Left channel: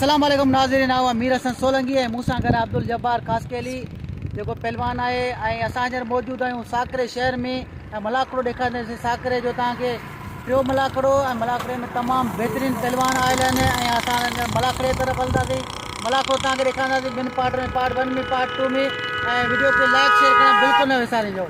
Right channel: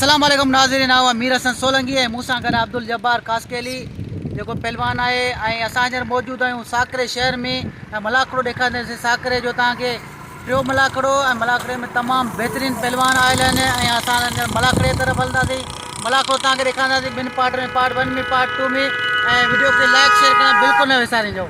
अस्सलाम वालेकुम नाज़रीन, मीर हसन सोलंगी है मूसा गॾु अब्दुल जब्बार खासकेली जेको पहलवान आहे ऐं असां हींअर मौजूदु आहियूं साकरे शहर में ऐं मलाखड़ो ॾेखारींदासीं। साकरे जो तव्हांखे टियों मलाखड़ो ऐं मलाखड़े में तमामु बहितरीनु पहलवान आयल आहिनि ऐं असां मलाखड़े तरफ़ हलंदासीं। मलाखड़ो तव्हांखे ॾेखारींदासीं ॿिनि पार्ट में, पार्ट 1 में, पार्ट 2 में। ऐं वीडियो खे लाइक शेयर करणु बिल्कुलु न विसारिजो।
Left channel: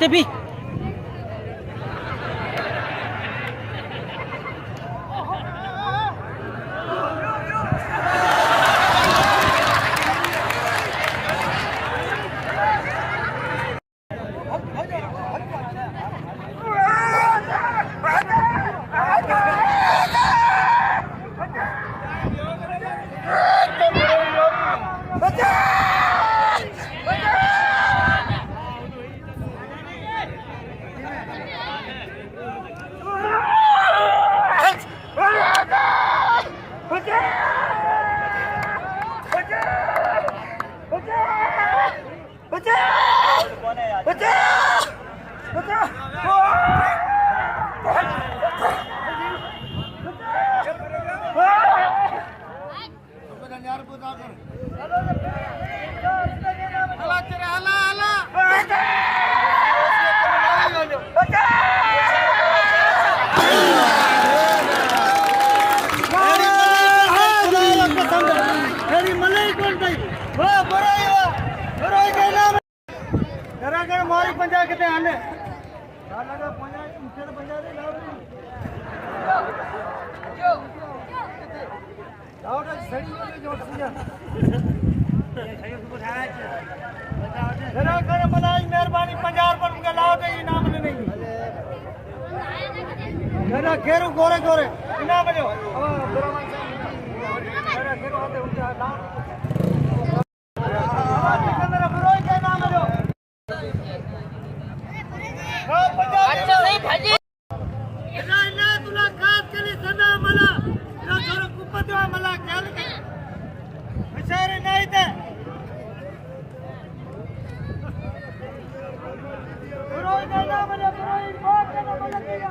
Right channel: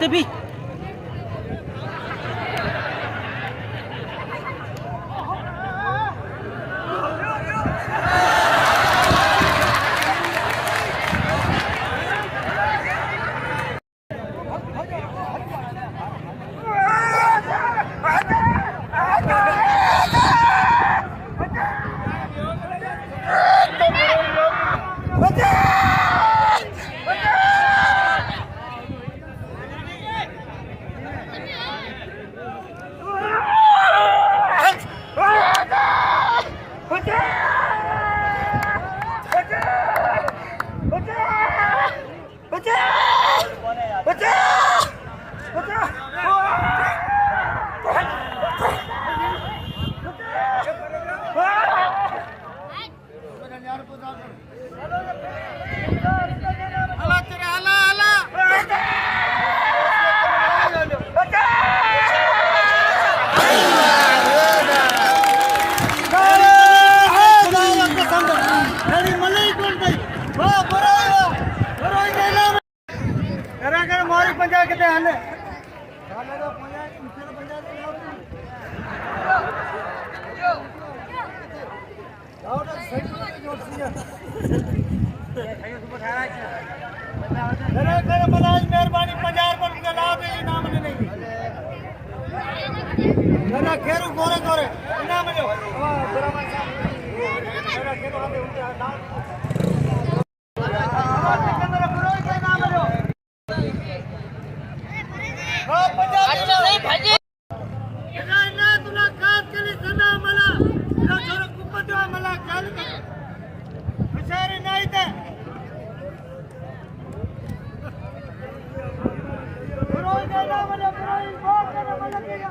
Tepi. खैर गोरे गोरे इनाम दो अच्छा नहीं भाजी ना तुला खास केली सदा मला ना छोरो कुपदवा मला ख्याल कर बिचारे नाही ते पुरोई देना मला पुरोई बहुत देना मला केला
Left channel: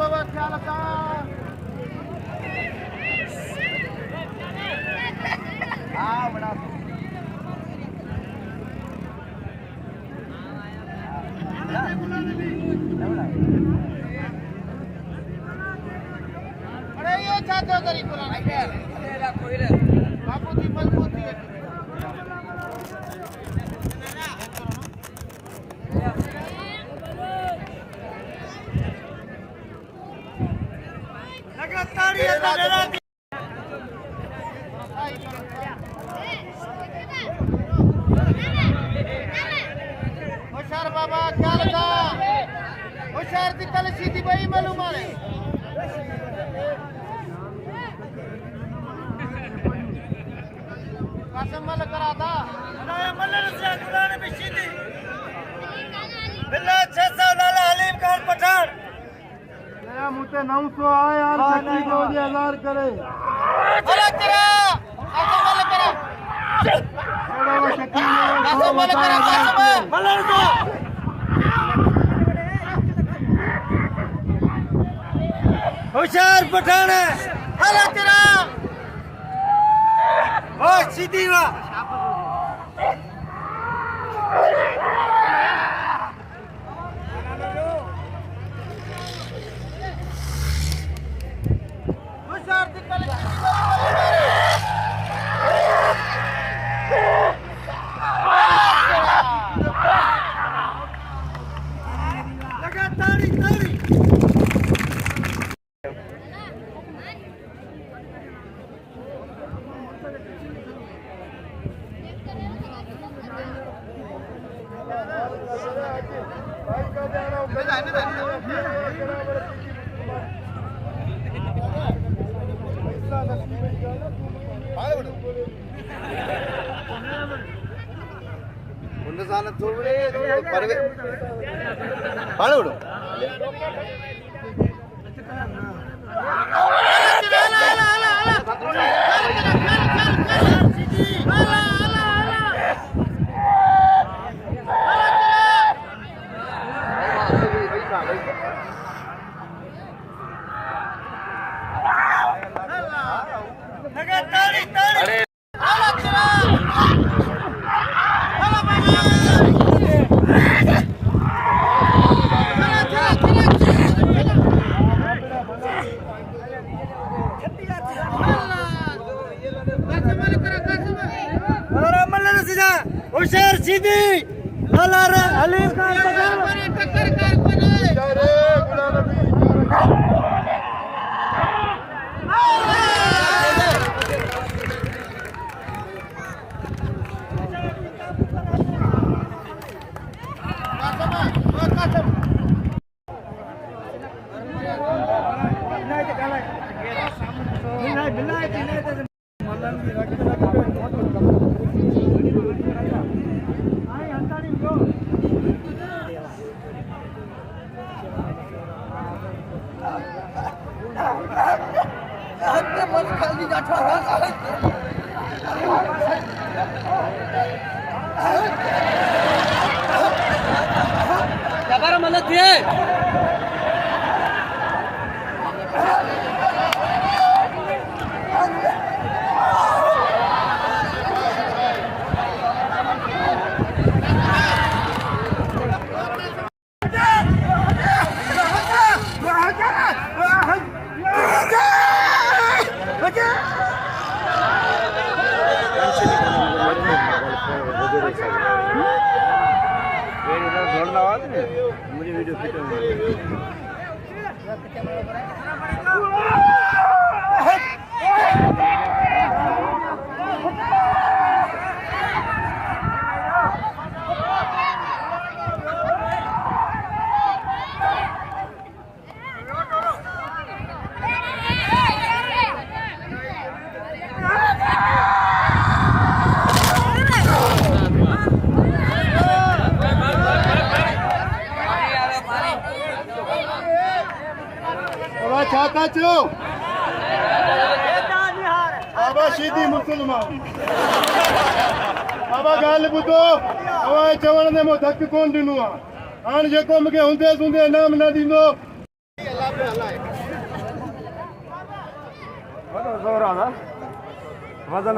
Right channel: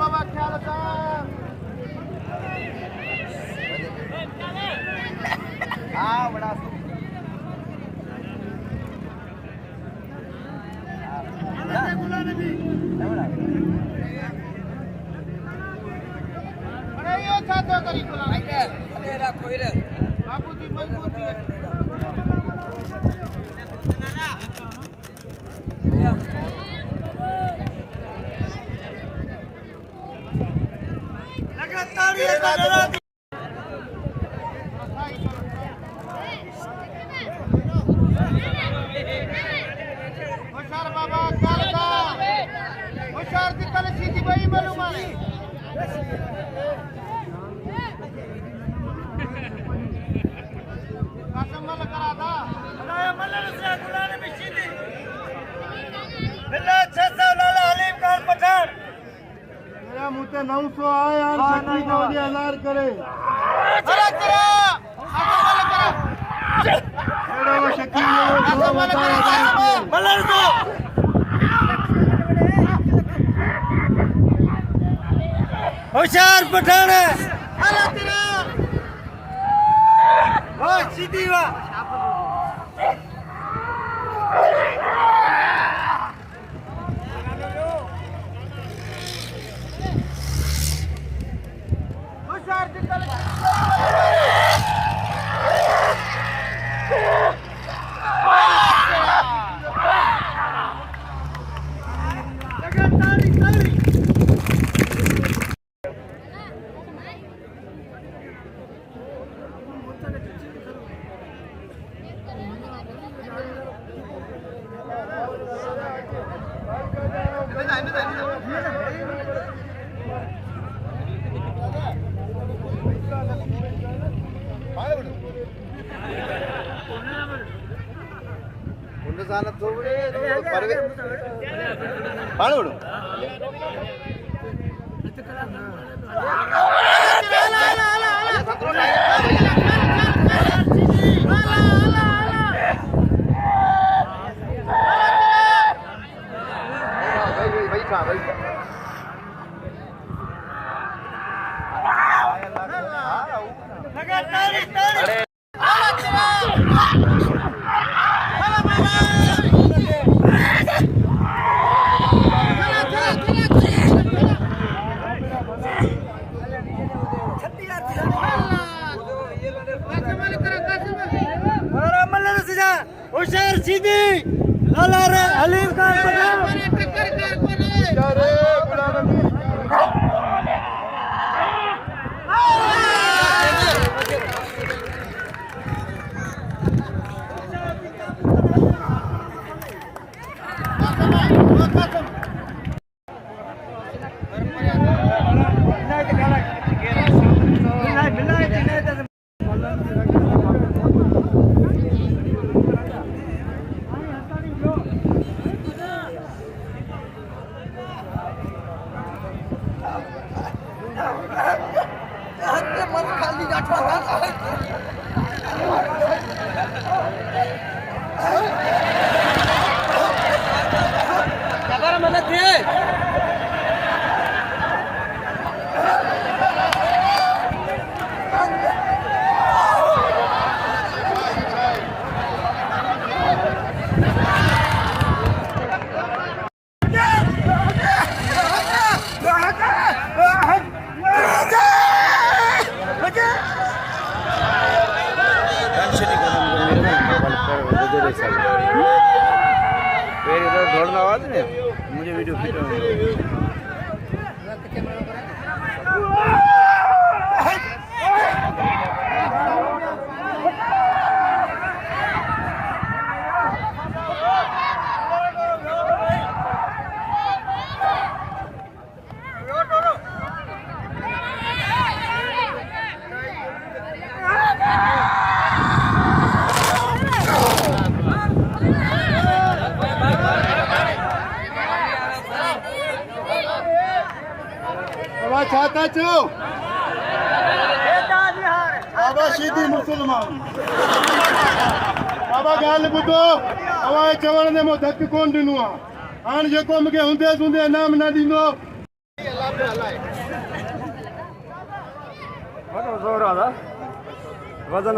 बाबा ख्याल रखा मुझे 900 आए यार 1000 करे होशियार पठान अरे तेरा वो सीधी वा होशियार निकल शेर सीधी हलीम खान मुझे वीडियो फिट चाहता छो बाबा शीदी मुसलमान बाबा ॻाल्हि ॿुधो अवां चवण ते मूं धक कोन ॾिनो आहे हाणे जेको मूंखे हूंदे सूंदे इनाम न ॾींदो वॾो ज़ोर आहे वज़न